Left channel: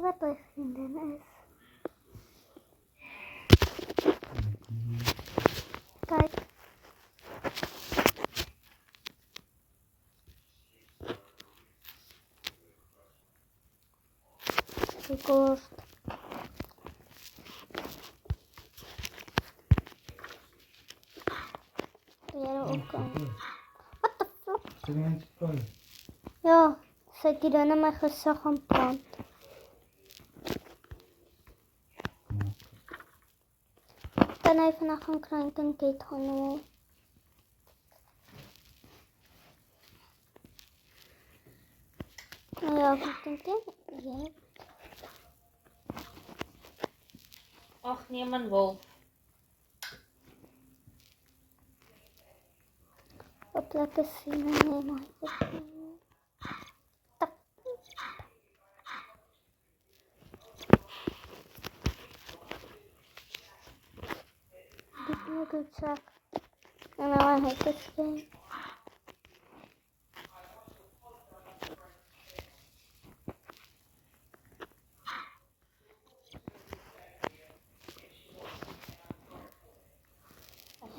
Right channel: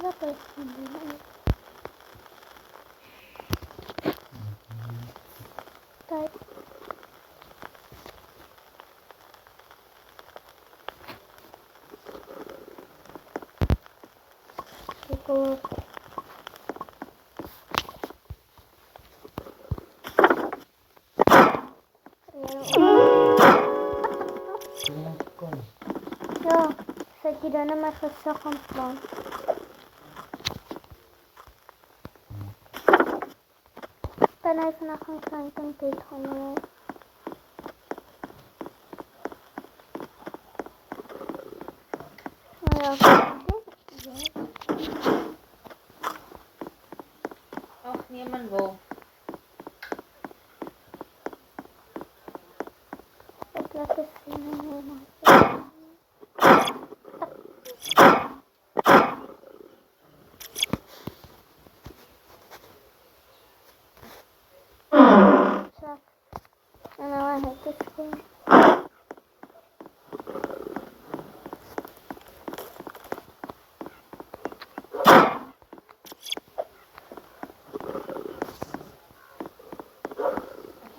Wat is dit? Kijk. Because ja, zet die dan in mijn gezicht aan plant. Dan even naar gaan krijgen en dit gaan. Nou ja, dit. Ja. Ach, niemand wil. Ik laat het zien en helemaal. Check. En dan heb ik het gewoon.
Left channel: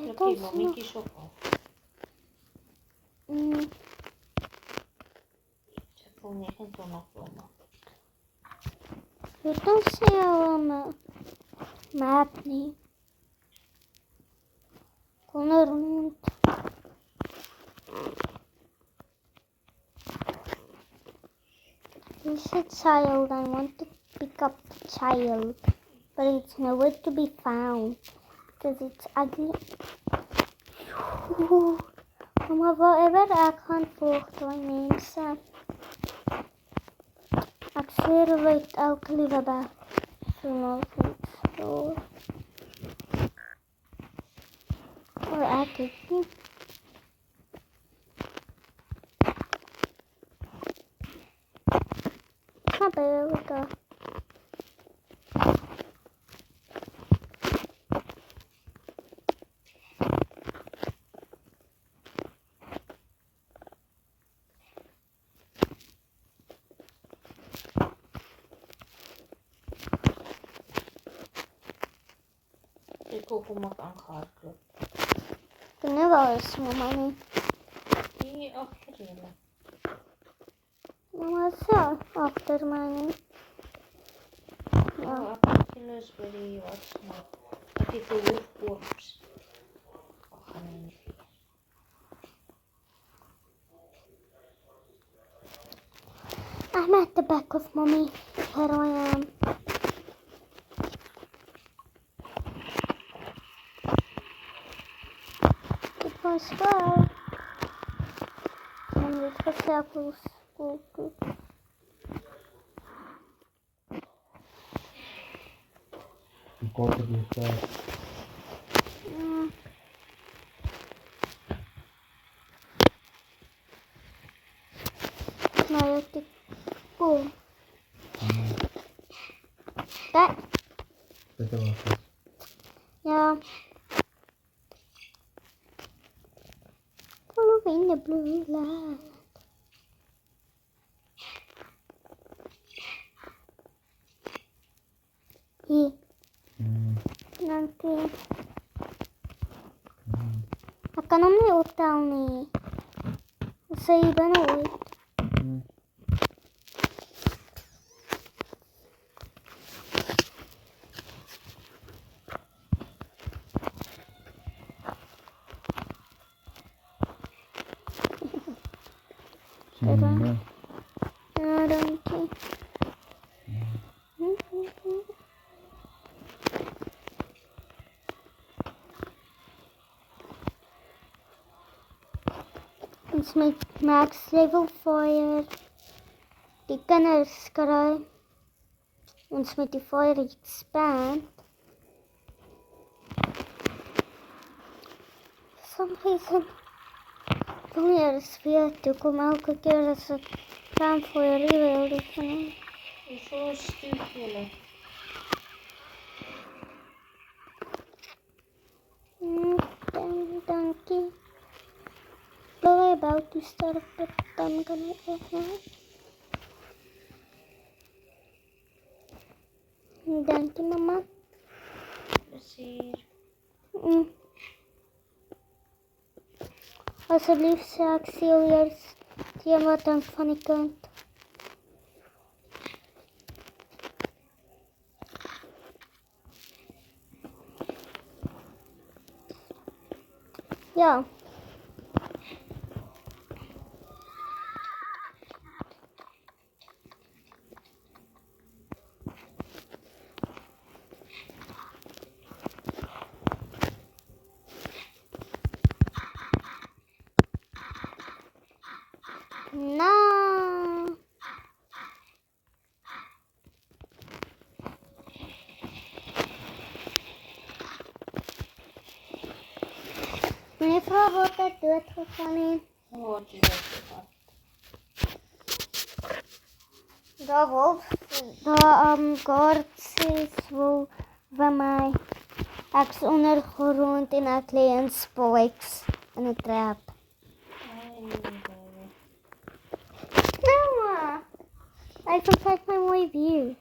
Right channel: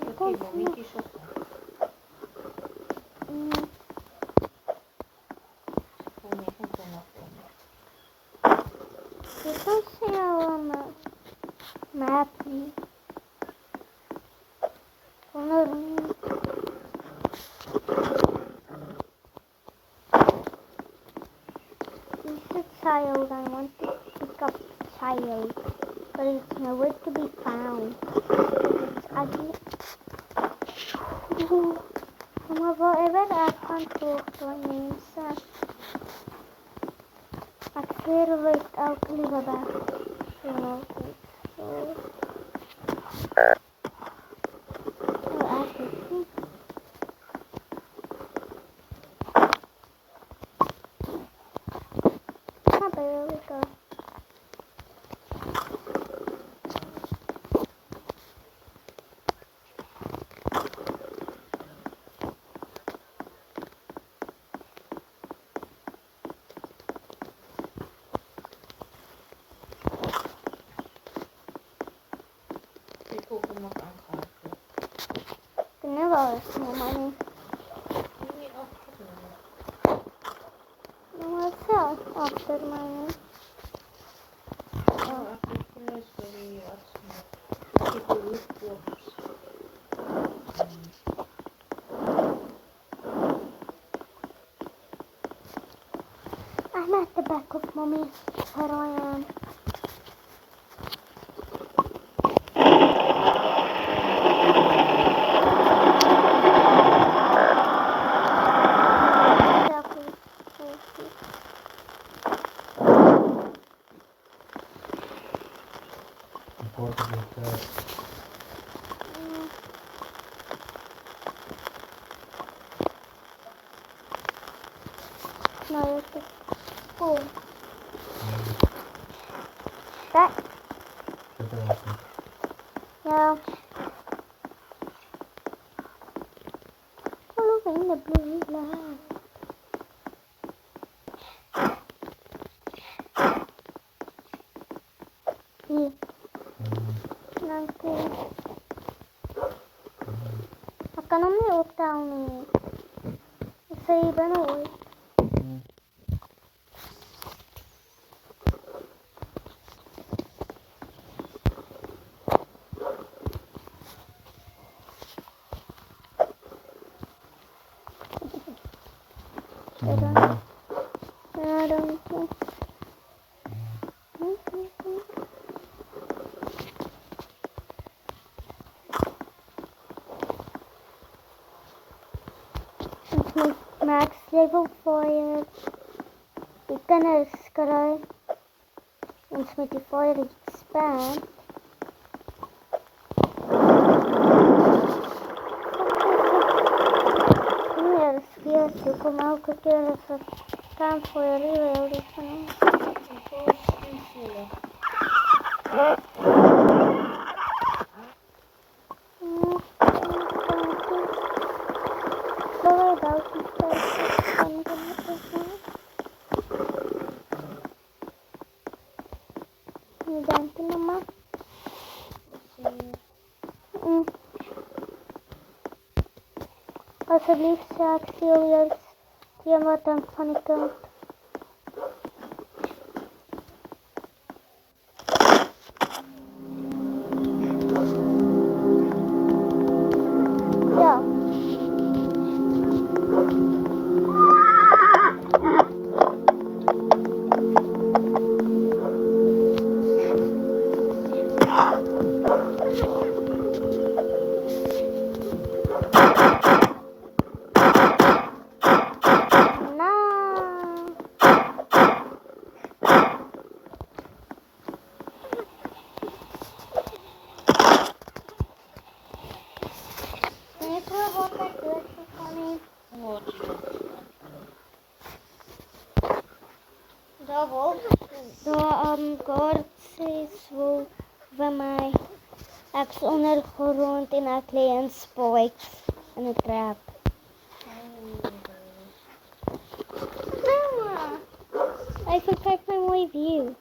Oké, mammietjes op. Voor 29 kronen. Dit is jouw map niet. Onder niet. You said child. I want to pick up child, but it's nowhere to be found because it's ugly. Maar whatever I can't talk to mensen. Ik zweer weet elke lieve bij. Zo zo. Oh, ik weet niet. There we go. Ik hoop hem ook aangehaald. Ik ben nu wel eens maar niet. Nee, afgereden. Nou, maar zelf achter mij. Oh, afgereden is really wat. Ik heb een corpse. I'm at the back of mommy. Here I am. Nou, het is cool. Kijk. Ja. Following the blue light. Hier. Nanti. Ik kan hem niet optellen. Ik zei je ben ooit. Ja, dank je. Ons met Max level 4 die kinders kry. Ons met die fire expand. Kom hier weer toe, kom elke keer as ek gaan voor hier die van. Zo stil jullie. Thank you. We're about to start expanding it now. Alsjeblieft, zeg ik serieus. Die wat dan van die kant. Ja. Nou. Mevrouw wordt het doodgegaan. Wat is dat? De wolf, de kaartjes wil van mij. Ik is ondergrond en ik lig in spikes in een trap. Mama, I can take my mooie view.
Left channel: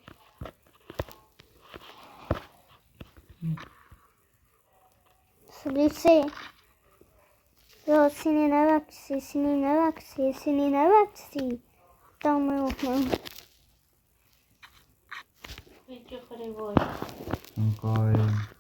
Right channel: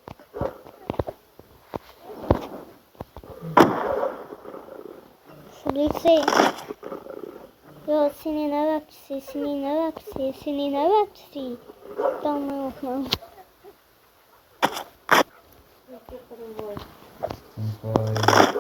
Alsjeblieft, sê. Ja, sien jy nou wat ek sê, sien jy nou wat ek sê, sien jy nou wat ek sê. Tel my op nou. Weet je voor de woord? Guys.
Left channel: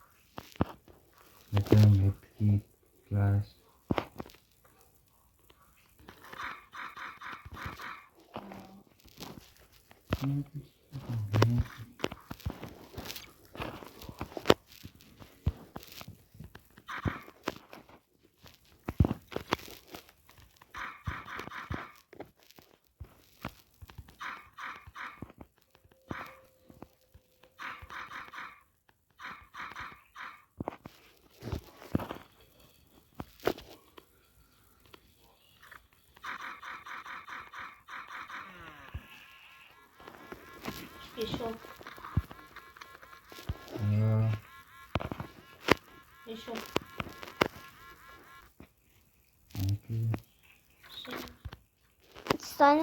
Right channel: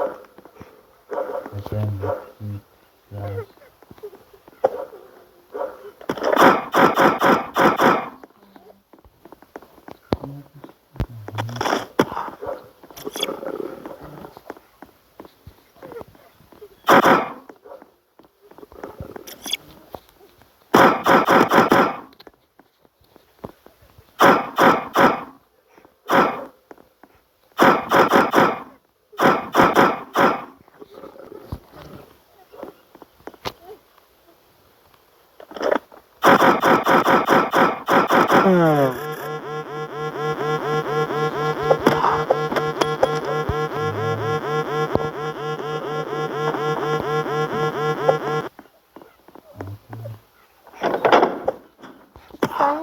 Staan.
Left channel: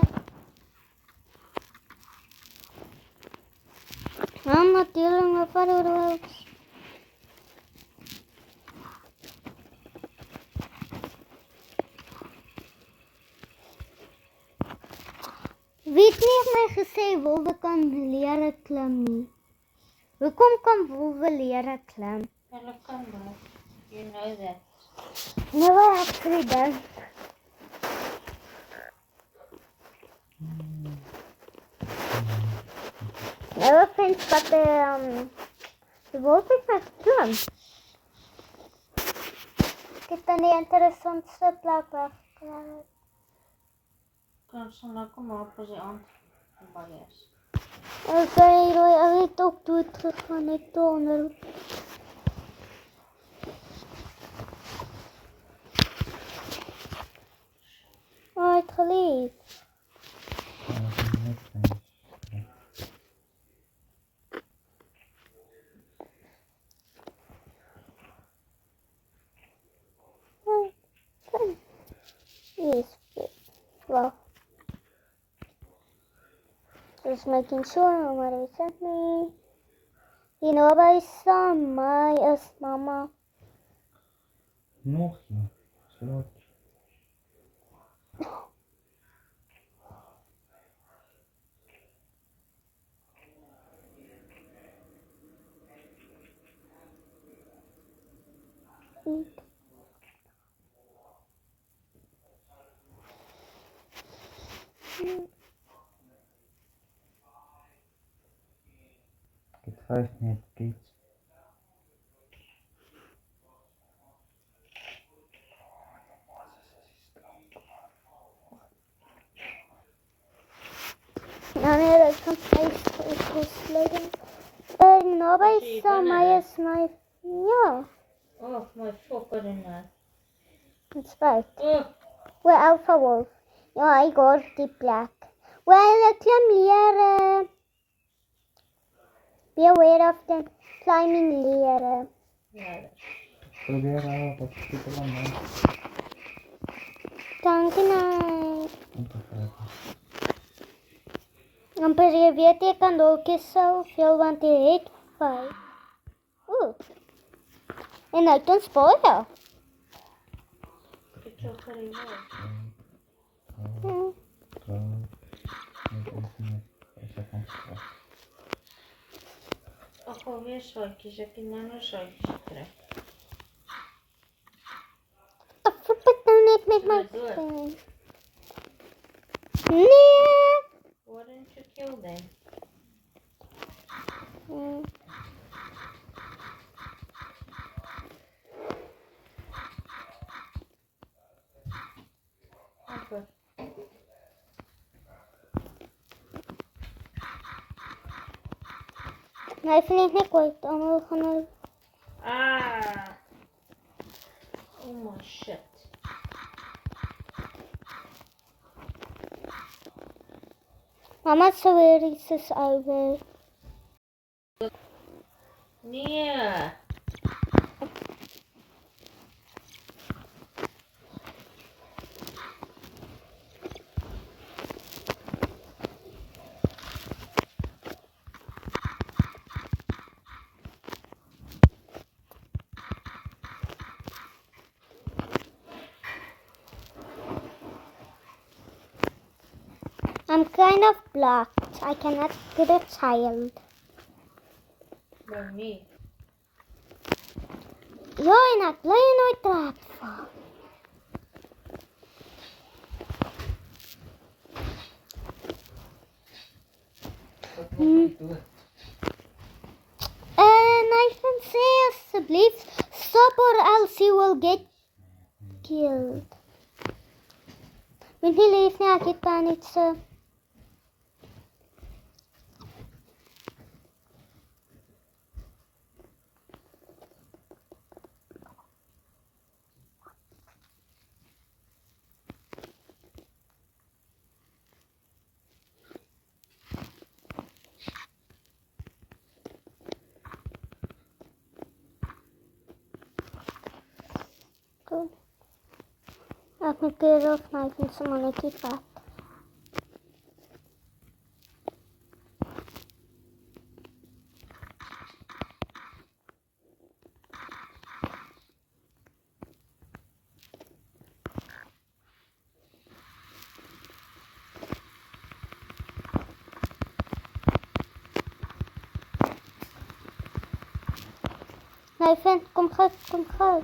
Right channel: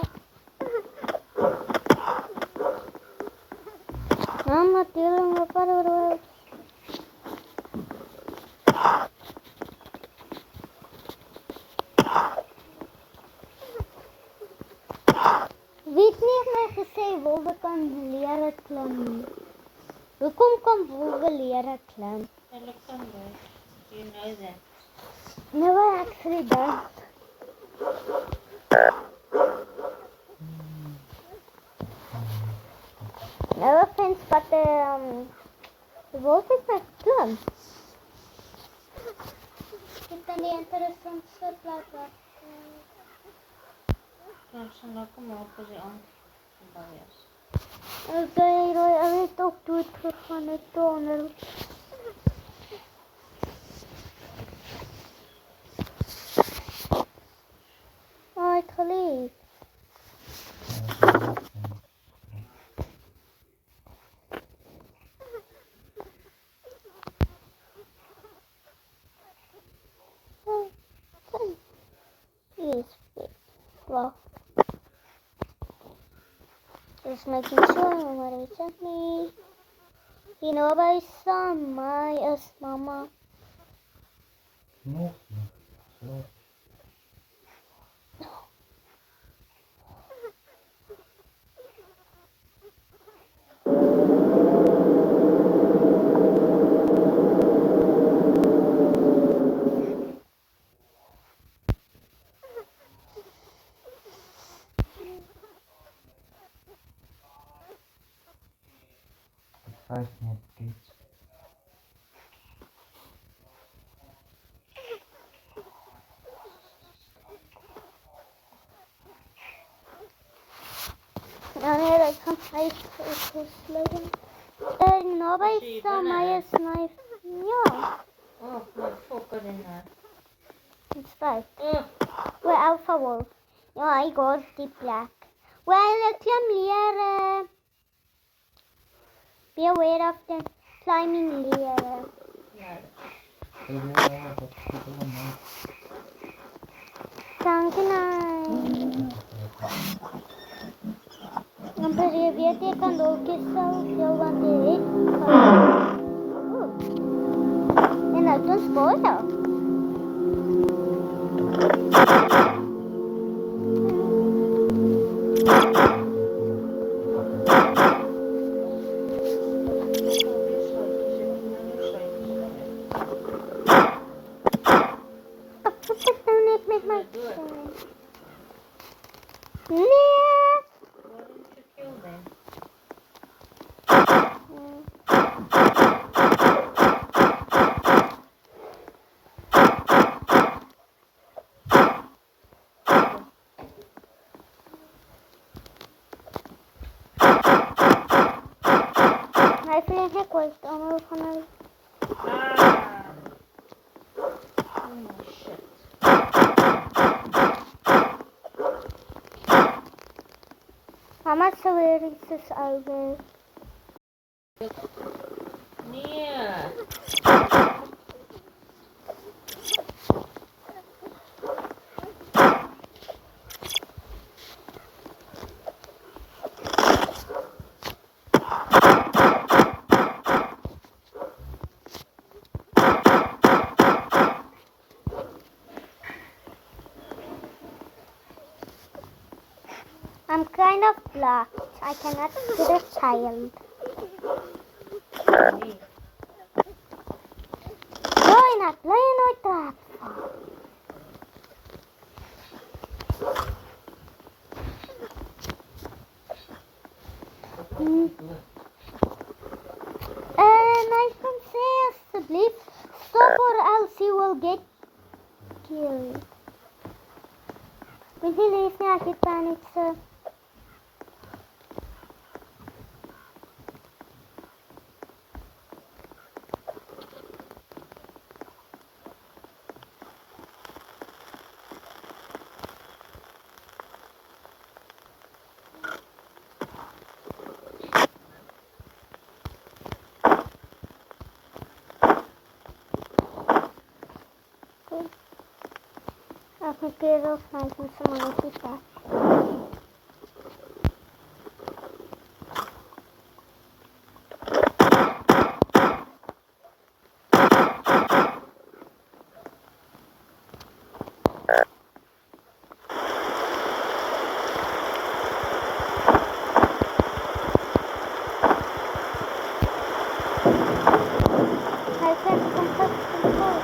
Mama, dealing with fireworks. Wie het nie my gesê wolwe kan lere klim nie? Hoekom kan wolwe lere klim? Hulle kan dat. You know that. Never actually done. Never friends, but the wolf is my klim. Dit is die interessantste plek wat Kan ze lekker maken als je aan het is. As hy raai al het ook dood gegaan het onder. Hy het geleef. Yes, well. Just making sure maar weet het nie. Hier naby saam my is mama. Nog niet. Zo. Het 5 net kids. Nou nee, dat kan 5 sluiten. Naby saam my is my. Ja, Oh, my fokker in daar. it's 5. Oh, Well, Alpha Wolf. Ja, hy gaan die plek. Well, ek klim lere. Be aware of the climbing lere. ja. Probeer nou wat super lang man. Dankie nou. Amper jy weet jy kan dalk soveel want jy het kan. Oeh. En nou dan spoor. Do it. Nee. Why didn't you kill them? Nee, ik vind het niet goed. Allemaal van Ah! Oh shit. Mama zo weer iets is over. Nee. I'm kind of blocked. I cannot get a child. Nee. Wil je nooit praten van? Nice van say alsjeblieft. Stop or else you will get killed. Vind je leef niet, ik kan niet zo. Ik moet keer of mij van someone ook iets wat. Hij vindt het complex van fout.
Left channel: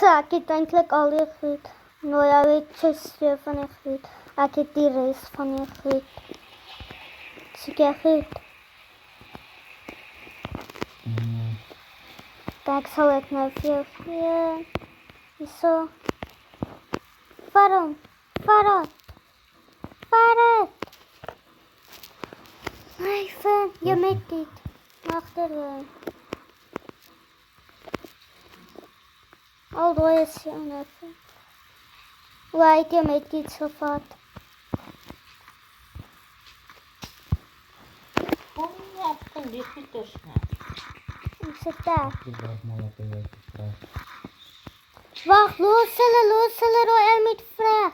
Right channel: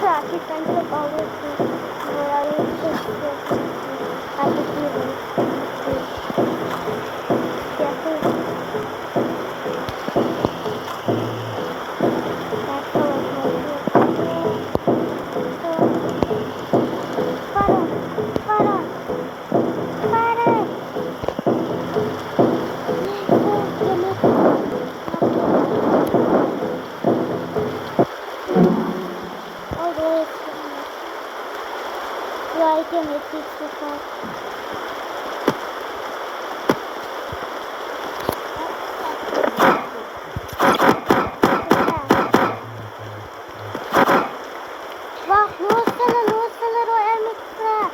Zo, ik kan het alweer goed. Maar ja, weet je, zo van het goed. Als ik die wees van het goed. Dus ik heb het. Dat zou ik nooit doen. Ja. Zo. Waarom? Waarom? Waarom? Nee, ver. Je met. Although it's right, you make it so far. Wacht, losstellen door er met vraag.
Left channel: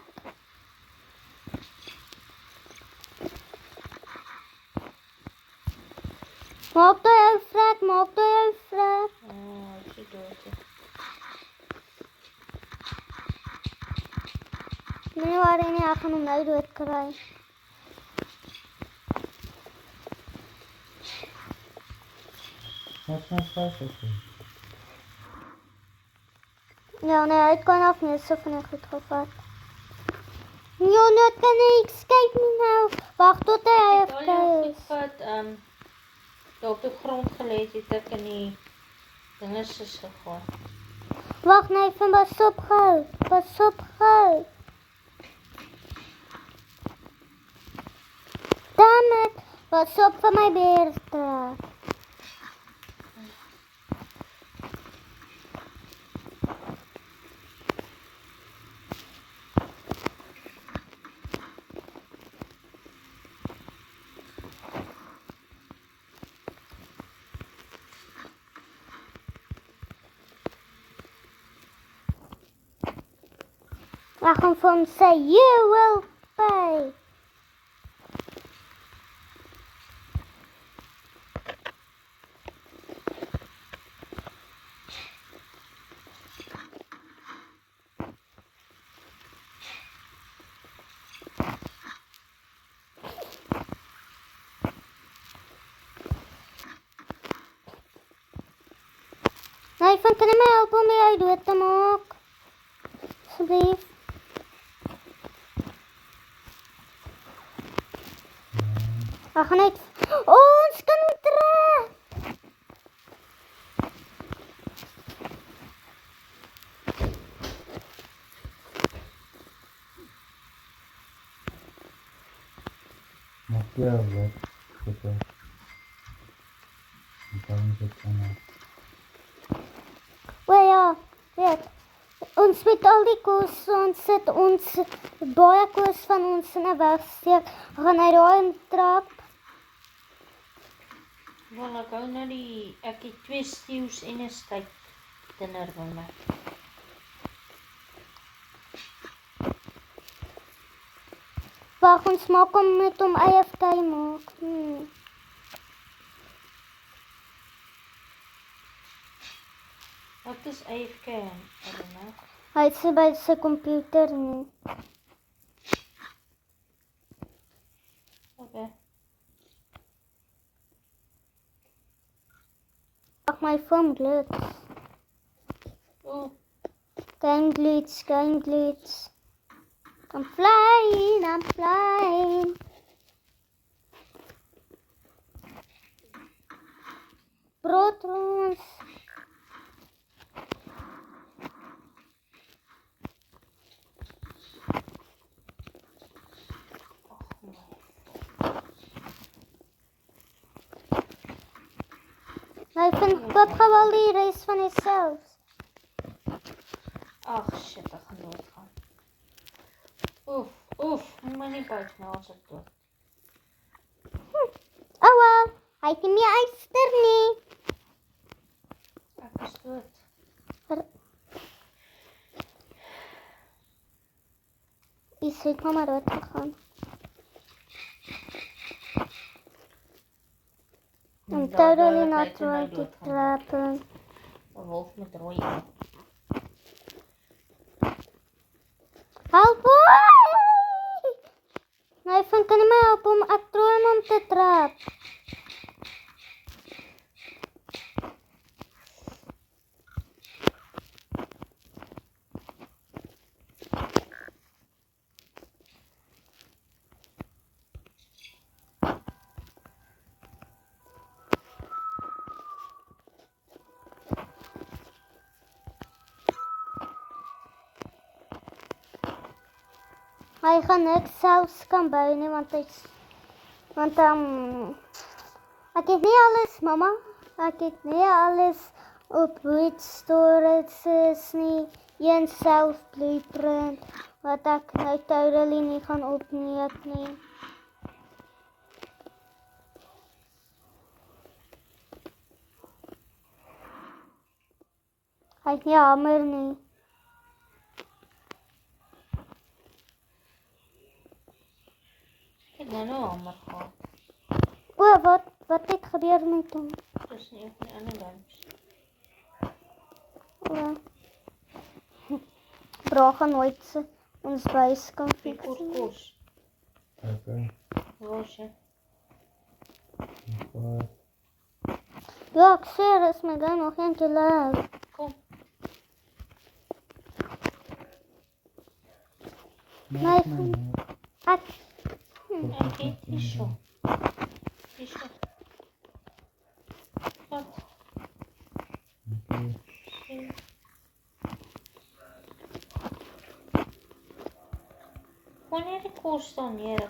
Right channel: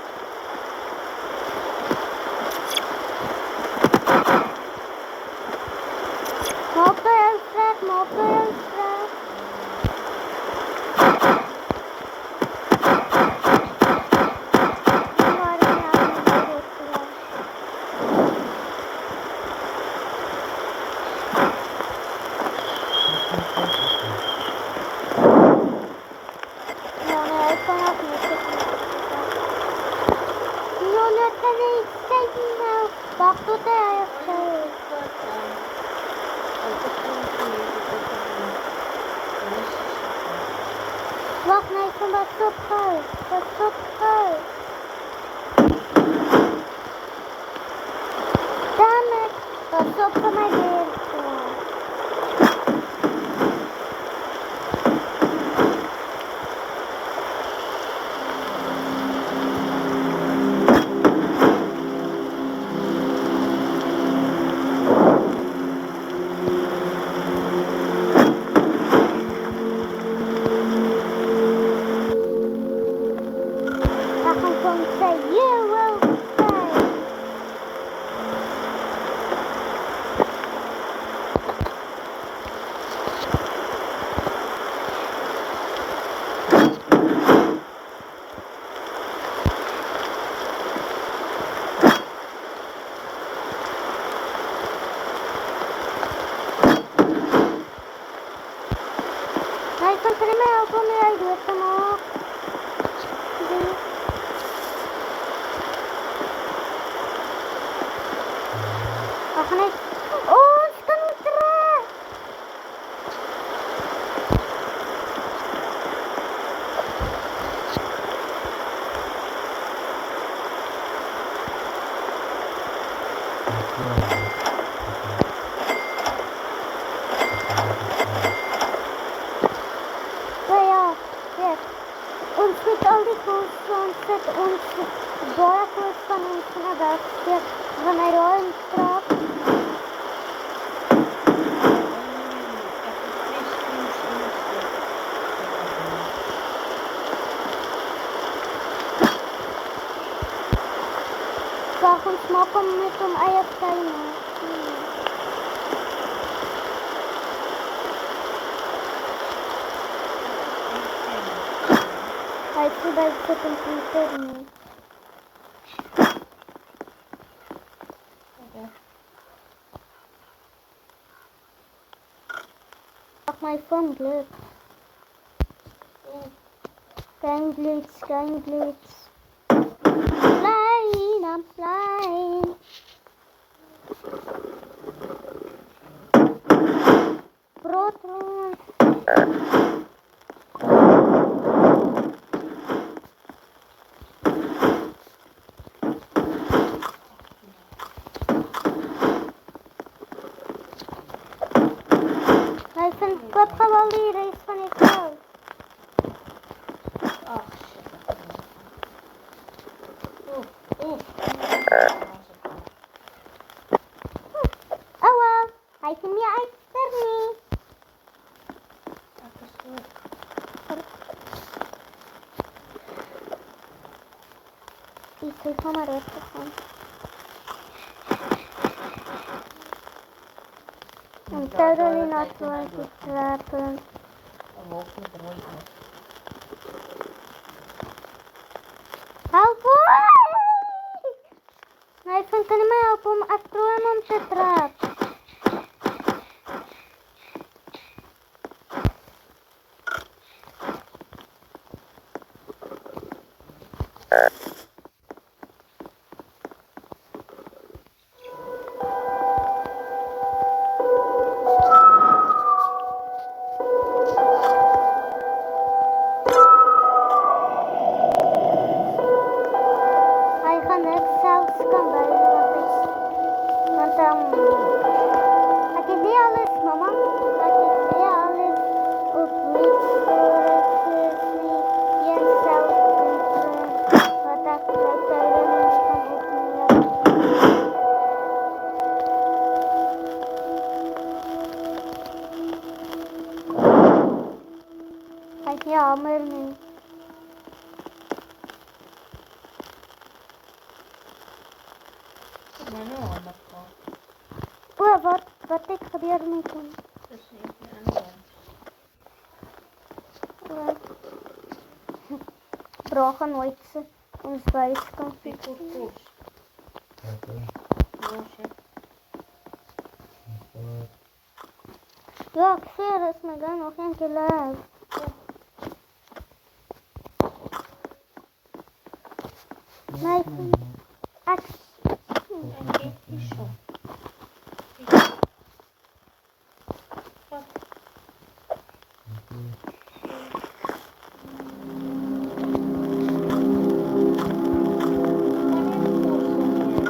Maar op de vraag, maar op de vraag. Nu waren we aan de meiden vraag. Ja, nee, ik kan ook niet zitten met het vraag. No, no, kan niet. Kijk nou. Wacht tot hij heeft Wat ook het grond gelegen dat er niet de nestjes zitten. Wacht, nee, ik ben pas op huis. Pas op huis. Damn it. Pas op van mijn beertje. I can come say you will die. Nathan, kan jy my help om die uit dood te maak? Asseblief. Ag net. Ons kan nie terug. O ja, weet. Ons met al die koos, ons sit ons baie koos van ons in 'n wegsteek. Gaan hy daar in trap? Ek het 2 steams en 'n stuk. Wag, ons maak hom met hom eie tuin. Hy sê by sy komputer nie. Okay. Ag, my phone glitch. Game glitch, game glitch. I'm flying. Protons. Hy vind koop gewal die res van jouself. Ag, shit, ek het nie. Oef. Oh well, hy kan nie uitster nie. Ek is dood. Die het maar reg gegaan. I'm totally not going to trap him. 'n wolf met rooi oë. Help my! Hy kan nie my help om ek probeer hom om te trap. Hy gaan niks selfs kan bou nie want ek het nie alles, mamma. Ek het nie alles op wit storage nie. Een self blueprint wat ek nou totally nie kan opneem nie. Hy het nie hamer nie. Ek het nou al maar gehad. O, wat het gebeur met hom? Dis nie een ander een. Bra gaan nooit ons buis kan Piek fix. oor kos. Okay. Ja, shit. Ja, ek sê, is my dan nog een te laat. Nee, ek... Ek het nie so. Wanneer die kos dan hier?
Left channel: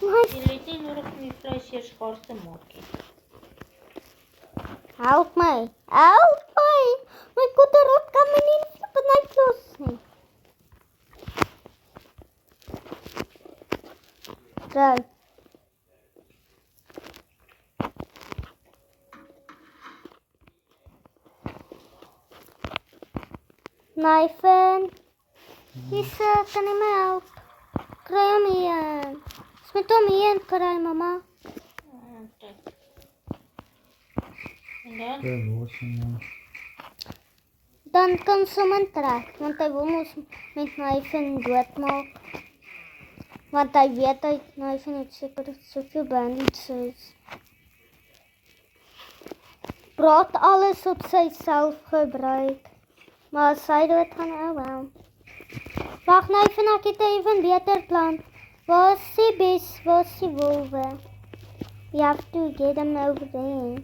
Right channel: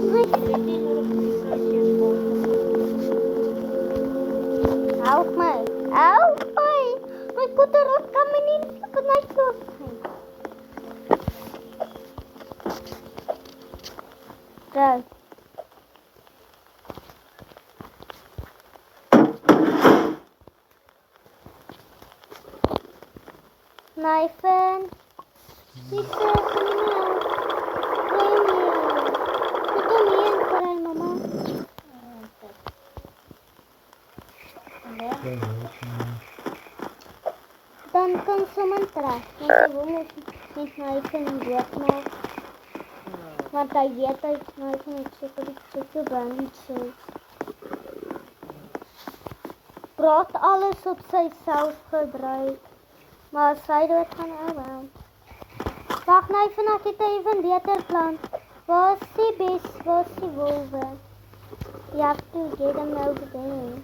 Jy het nie nodig om die vleisjeerskaart te maak. Help my! Help my! My koterop kan my nie vanuit los nie. Go. Nathan. Sister, kan jy my help? Kry hom hier. Smet hom hier en kry mama. En dan? Dan kan sommige trek, want hy wil ons met Nathan doodmaak. Want hy weet hy knife net seker soveel bandages. Praat alles op sy self gebruik. Maar as hy dood gaan, oh wel. Wag nou even, ek het 'n even beter plan. Waar is die bees? Waar is die wolwe? You have to get them over there.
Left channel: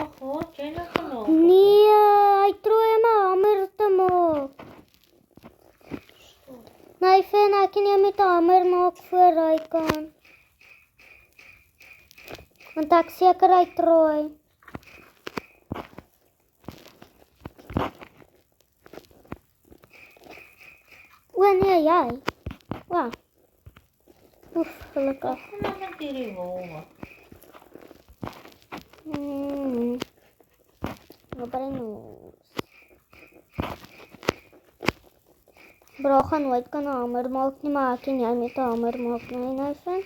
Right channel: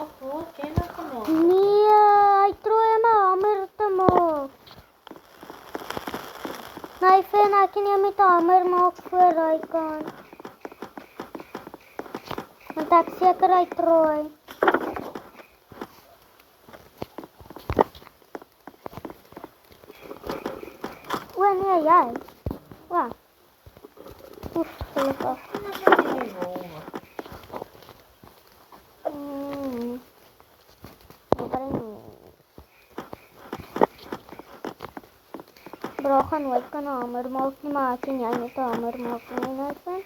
Ag, hoe ken ek gemaak? Nee, hy probeer my hamer te maak. Nee, Finn, ek kan nie met 'n hamer maak voor hy kan. Want ek seker hy trooi. O nee, jy. Wow. Oef, gelukkig. Kom net hierdie wolwe. Bro, gaan nooit kan 'n hamer maak nie, maar ek kan jy met 'n hamer maak nie, Nathan?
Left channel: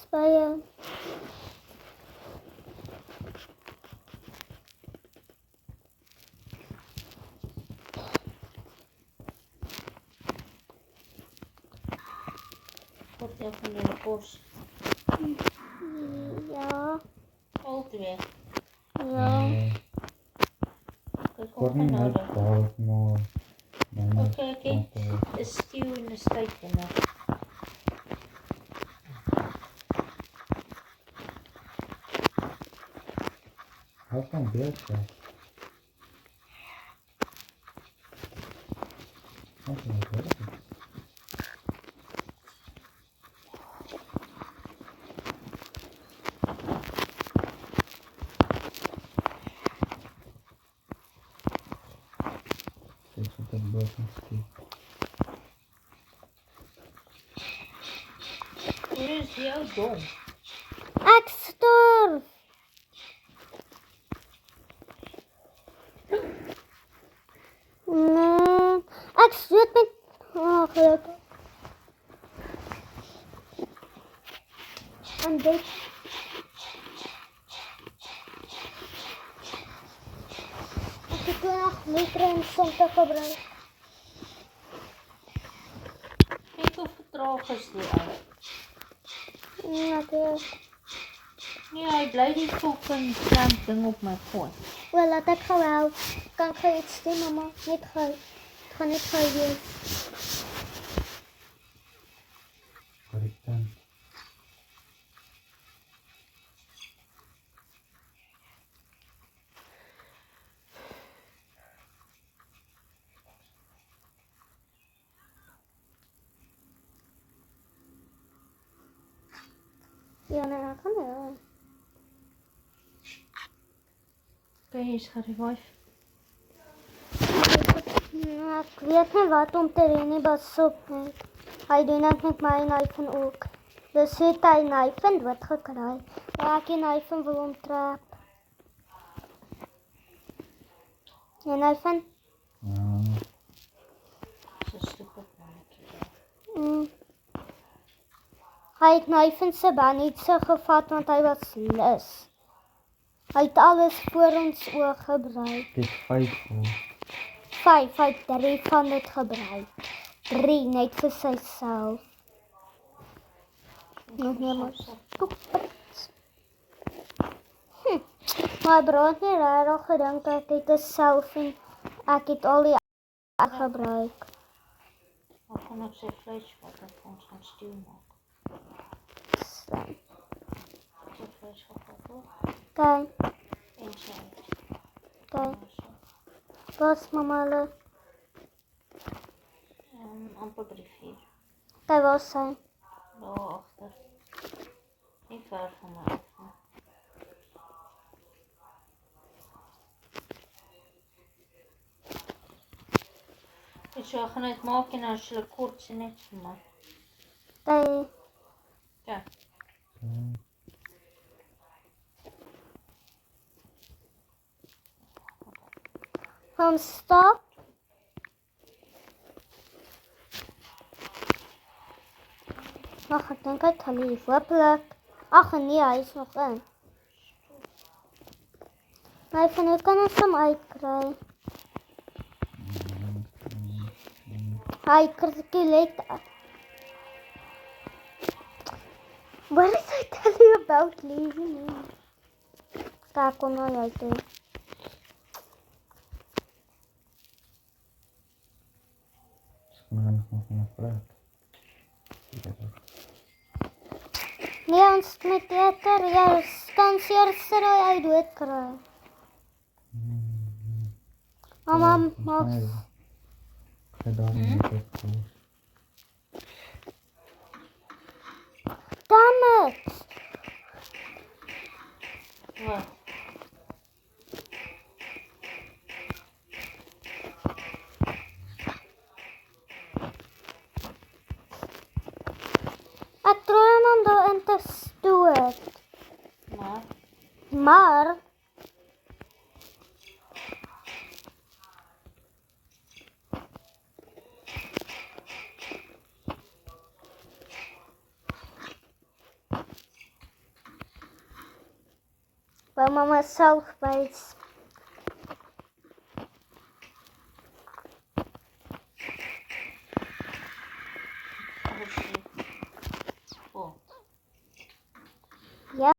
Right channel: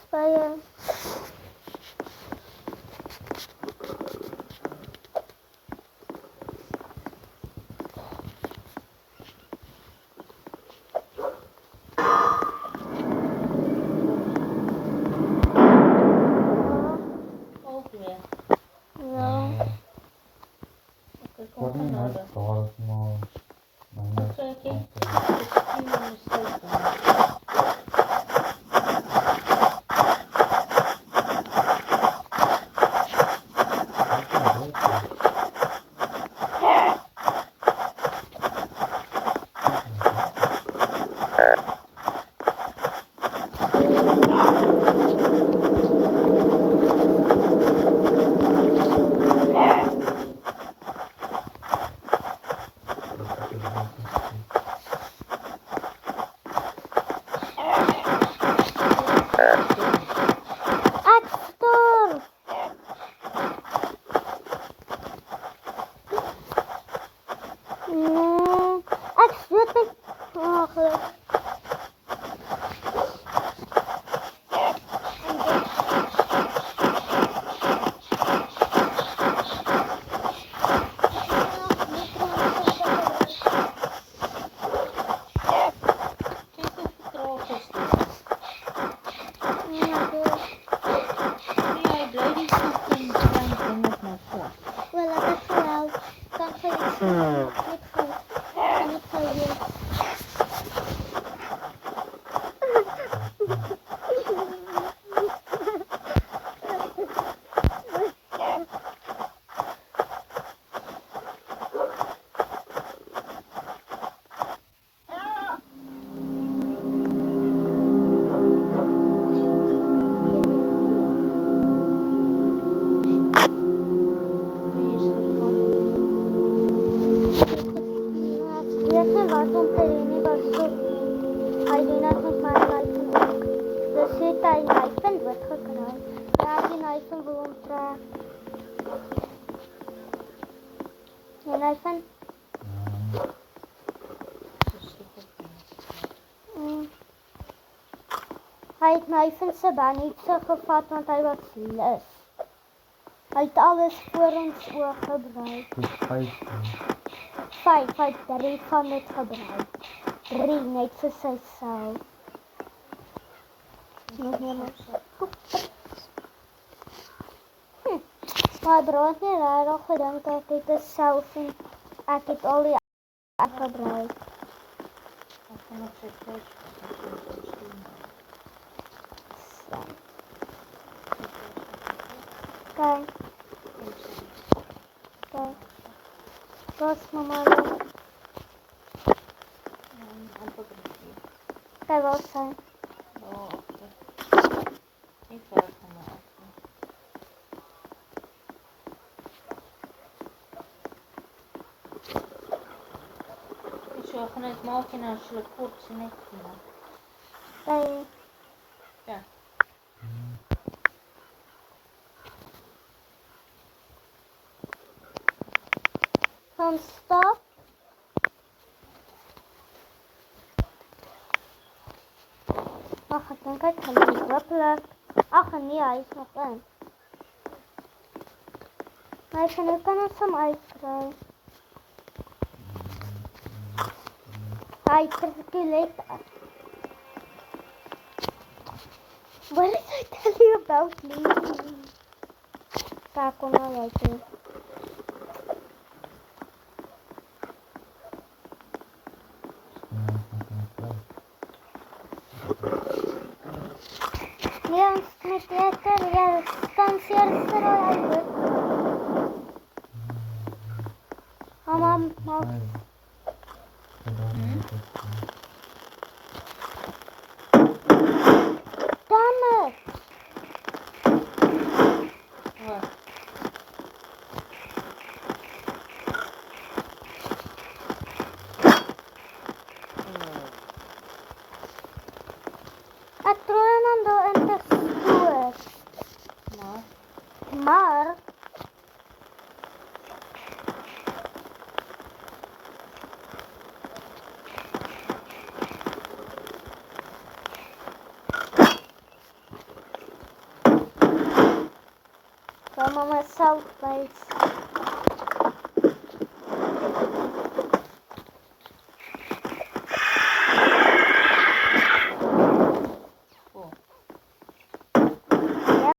Spye. Al twee. Ja. Kyk, Word kom nie van nou. net daar maar myne Okay, okay. The skill en mistake gemaak. Ek kan dit. Ek sterf. Nee, ek stoot met... Oh, goed. En dit... Kyk hoe vertraag is dit. Ja, goed. Nee, hy bly die fucking klamp ding op my foon. Wel, laat ek gou help. Kan gou iets doen. Net gou. Kan net gou weer. Okay, is gegaan. Ek weet nie wat om te doen nie, was soek nie. Hy doen dit met my knife ook. Dus het hy knife dood gekry. Ja, ek die knife wil omtrek. Ja, knife. So stuk op my. Mm. Hy het knife se bandage gevat want hy was lus. Hy het alles voor ons oë gebruik. Dis 5. 5, hy het 3 van dit gebruik. 3 net vir syself. Nog nie maar. Maar bro het nie regtig gedink ek het 'n selfie. Ek het al die gebruik. Ek gaan op sy vlees vat, ek gaan ons doen. So, Sy vlees vat ek op. kyk, En sy. kyk. was mamma lo. Amper by die vuur. Kijk wel zijn. Daar agter. Nie ver van my af nie. Ek sal gaan net maak en as jy kort sien net vir my. Kijk. Ja. Van stop. Ach, ik denk ik ga niet hopelijk. Ach nee, hij is nog in. Maar van nu kan ons hem uitkrijgen. Hij circulate. What did I tell you about leaving? Kijk, kom nou uit doen. Nee, ons met water, ja, stansier seroi uit weet kry. Mama, maak. Damn it! Wat? Ek probeer om hom daarin te stoot. Maar wil mama self wys. Oh. Ja,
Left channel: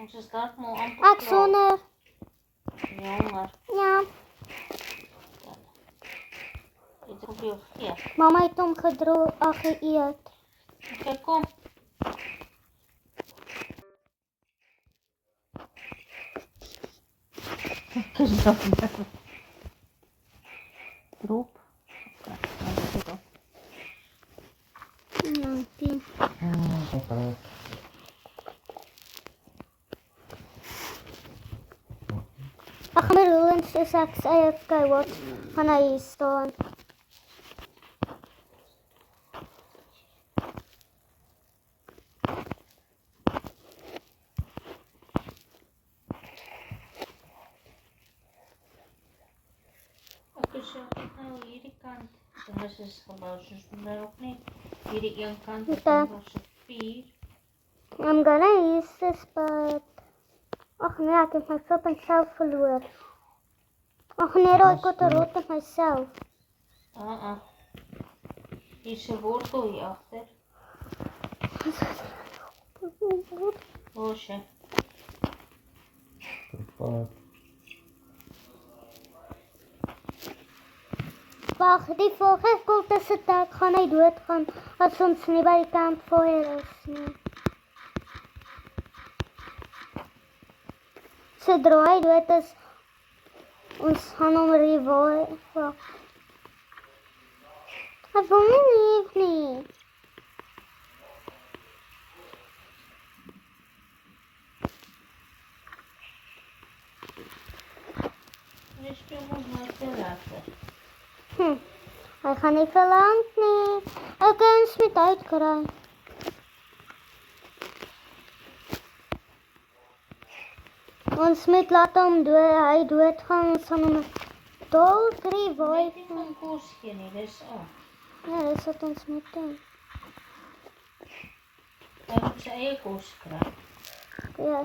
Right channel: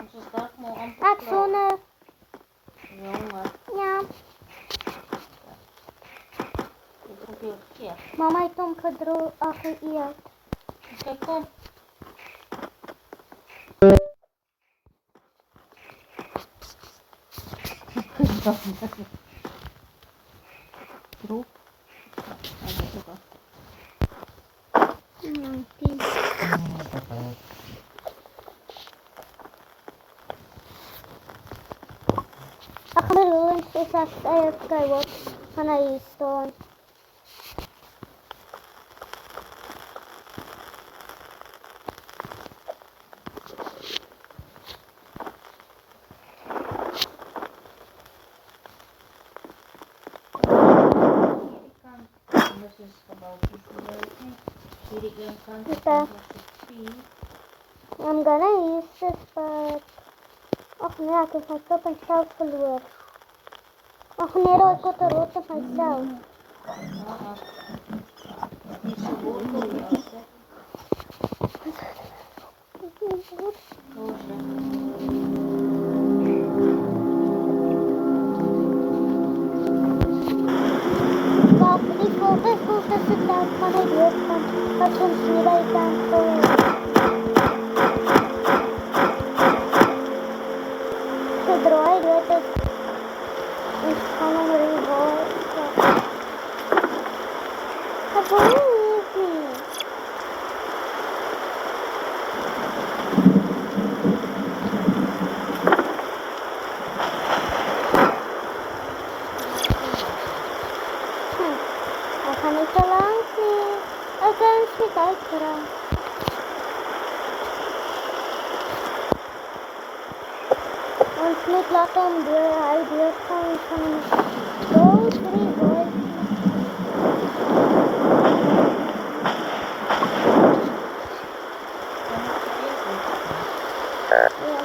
Ons is dalk maar amper ek sonder. Jonge, Ja, dit ook jou verkeerd. mama het hom geëet. Okay, kom. Droep. Dankie. Ag, maar ons is ek sê kyk wat gaan hy hier staan. Hierdie kant. En dit is gebou soos hulle ook nie. Hierdie een kant is Okay. nog so 4. I'm gonna use this but ag nee, ek het my kop en self verloor. Ag nee, ek het 'n rot op myself. Hier is 'n wortel jas, hè. Loosje. Wag, die volgende sit daar gaan hy dood van wat ons nie by kan gooi. Sodra hy dood is, ons gaan hom revive. Ek wil nie. Ek gaan nie te lank nie. Ek kan nie uitkry. Ons moet laat hom dood, hy doodgaan ons gaan hom dood revive. Dan sê jy goed. Ja.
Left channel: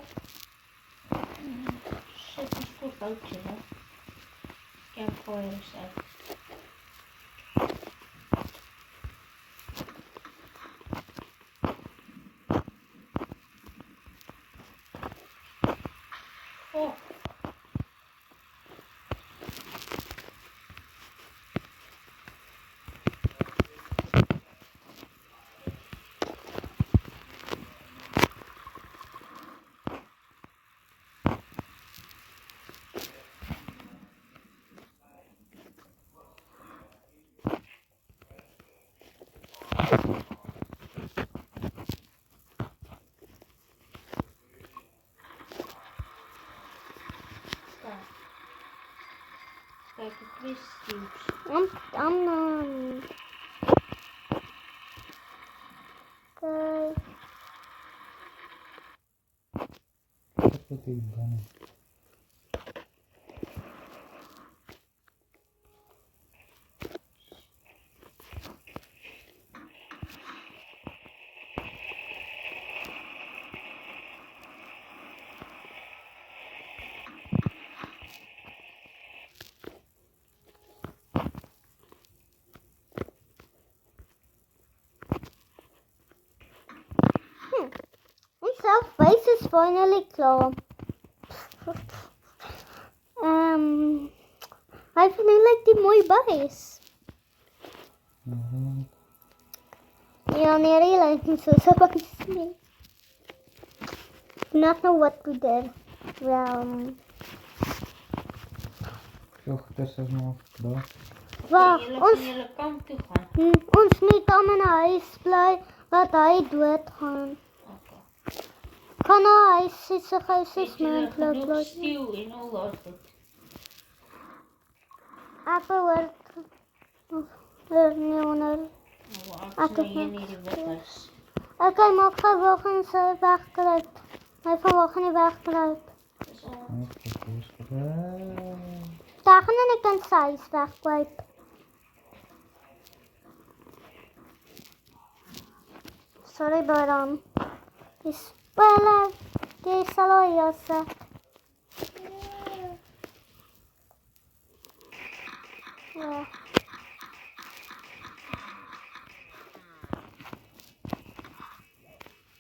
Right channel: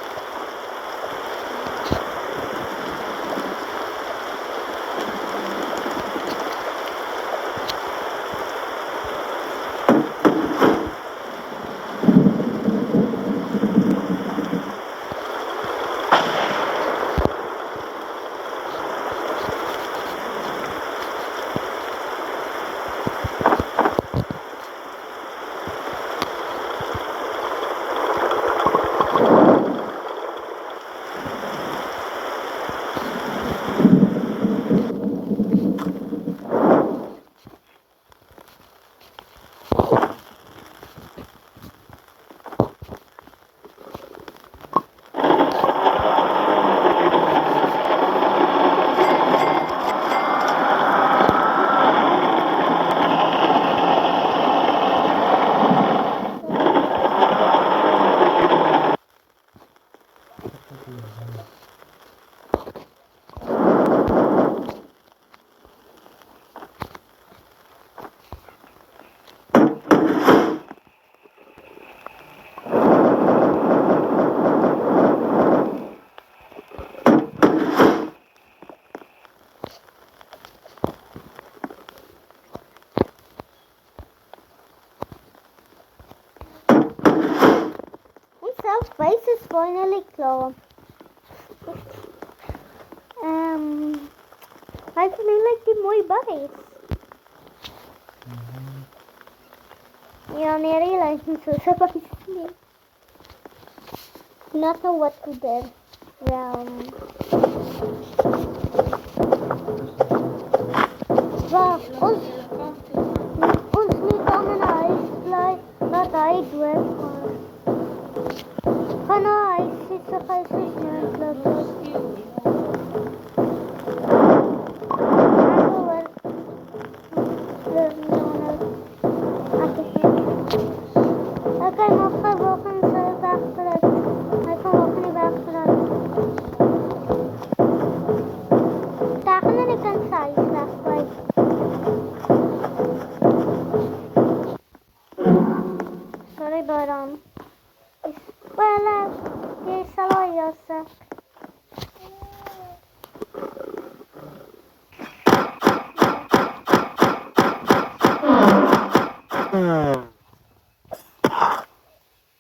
finally klaar. Hy vind nie like die mooi buis. Ja, nee, die lyk nie soos 'n buis nie. Not know what to do. Wag, Julle ons gaan julle kamp toe gaan. ons nie kan in 'n huis bly dat hy doodgaan. Gaan na huis, sy huis is moontlik. No stew en al dat. Ek hoor. Leoner. Ek het ek kan maar verwachten sy wegkry. Hy verwag nie wegkry. Daar gaan nie kan sy huis wegkry. Sorry, Baram. Is wel, jy sal al jasse.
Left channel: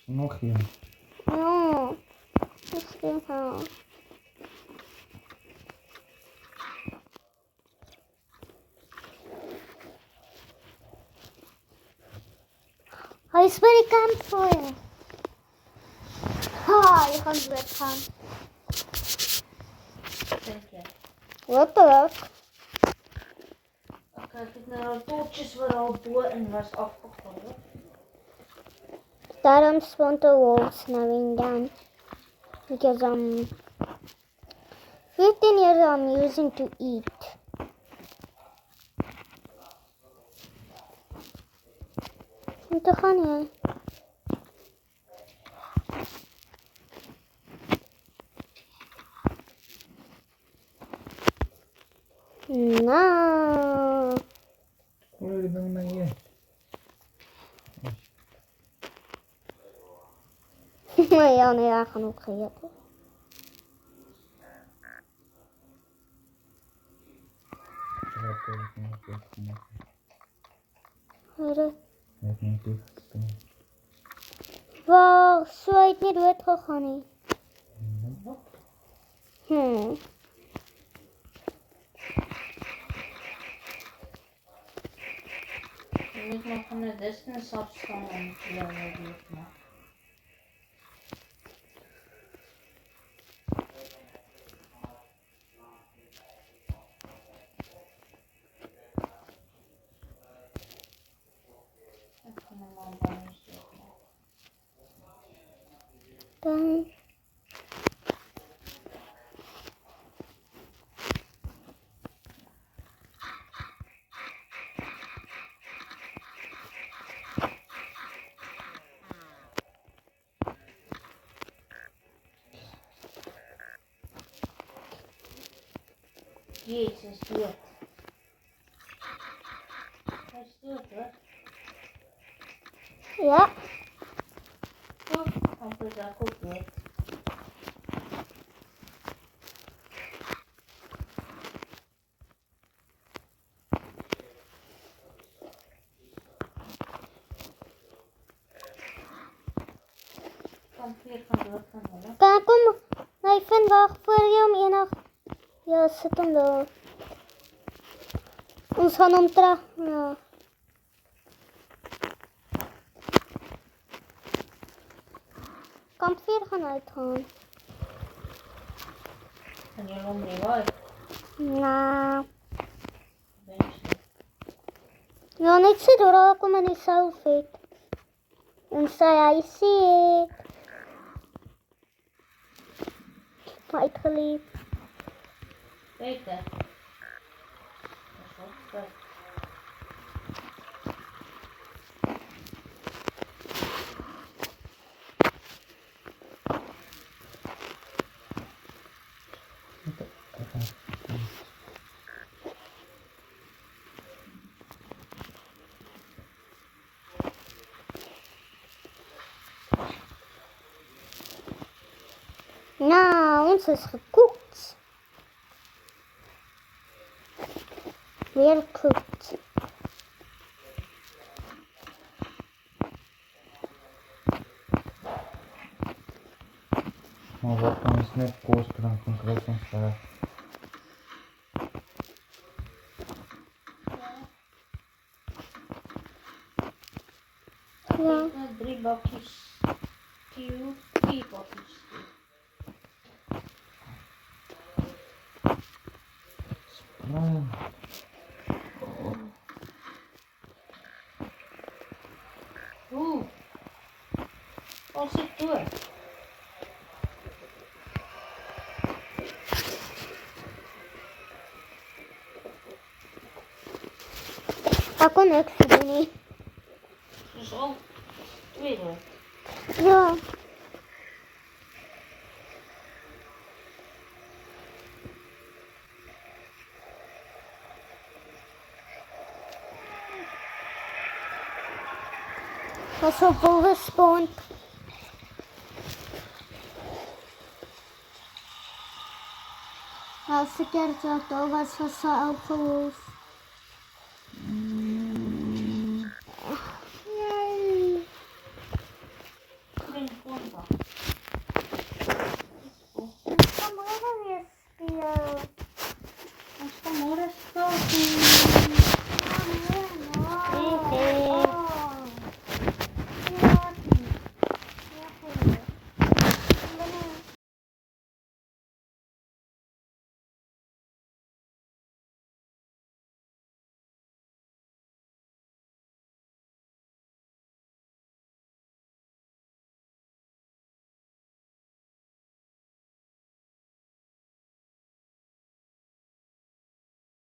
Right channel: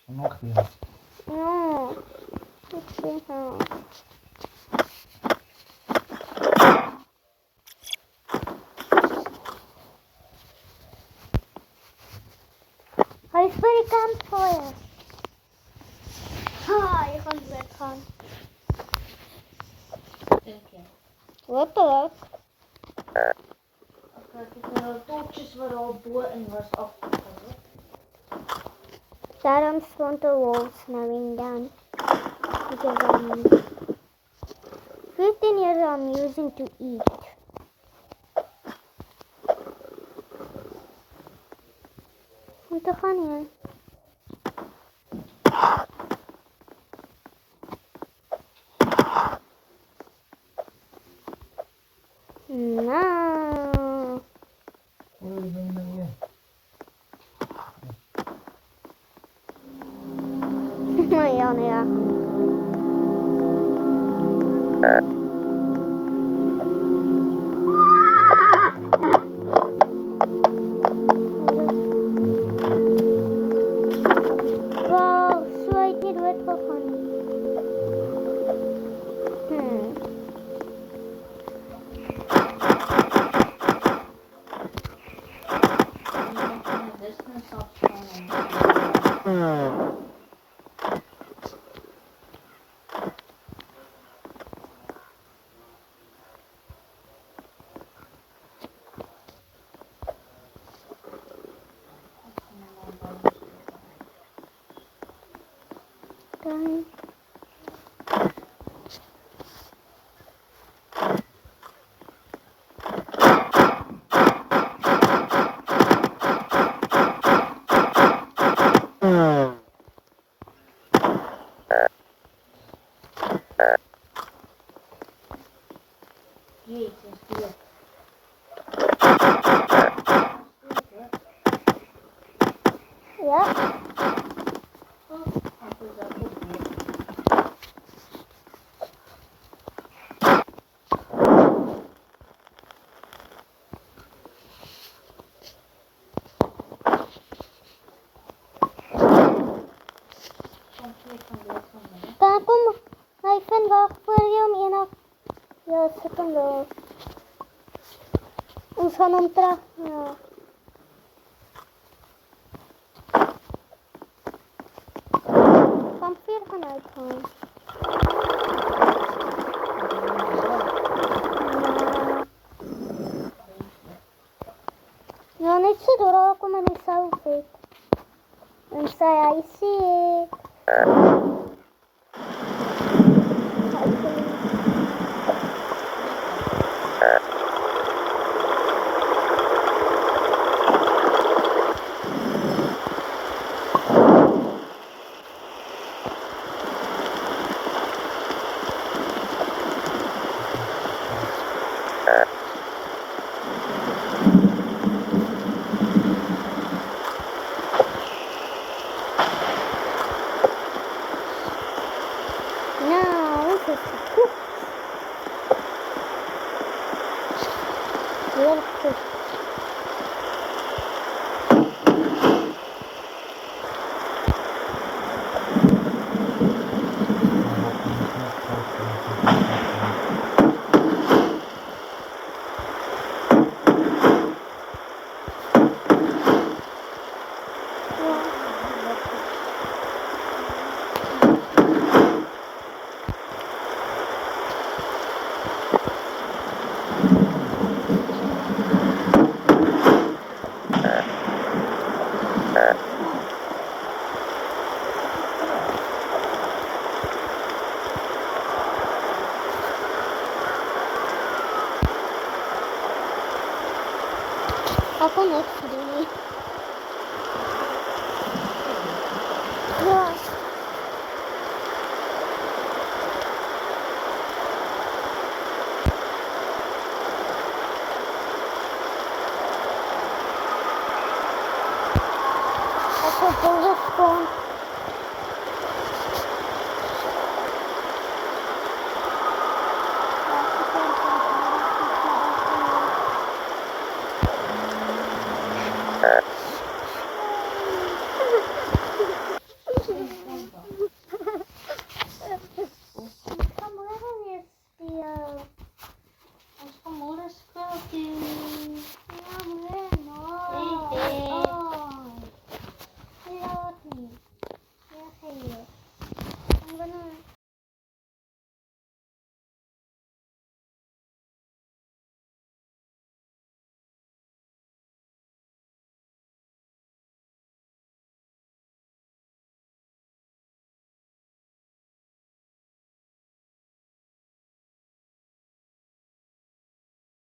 Nog een. Ja, ik zie haar. Hij is bij de campfire. Ha, je gaat weggaan. Dink jy? Hopelijk. Ek het nou toetjies wat al bo in was afgeval. Daarom spawned the wolves knowing down. Because 15 years I'm using to eat. Om te gaan, ja. Nou. Hoi, ben je nou hier? Maar ja, nee, ja, genoeg geluk. Wow, so uit nie dood gegaan nie. Jy moet van 'n distance afstaan. Dan. Jezus, dood. Ja. Kan kom, hy vind wag voor jou om enig. Ja, sit hom daar. Ons gaan hom terug. Ja. Kampvuur gaan uitgaan. Nou. Ja, net sit daar kom in die soufet. En sy huisie. Uitgeleef. Nou, ons is gekocht. Weer gekocht. Ako next day. Nie wiem. Jo. Dat is een volle spawn. Ja, super, dat was zo altijd. Kamera jest spiał. Acho que amor é só assim.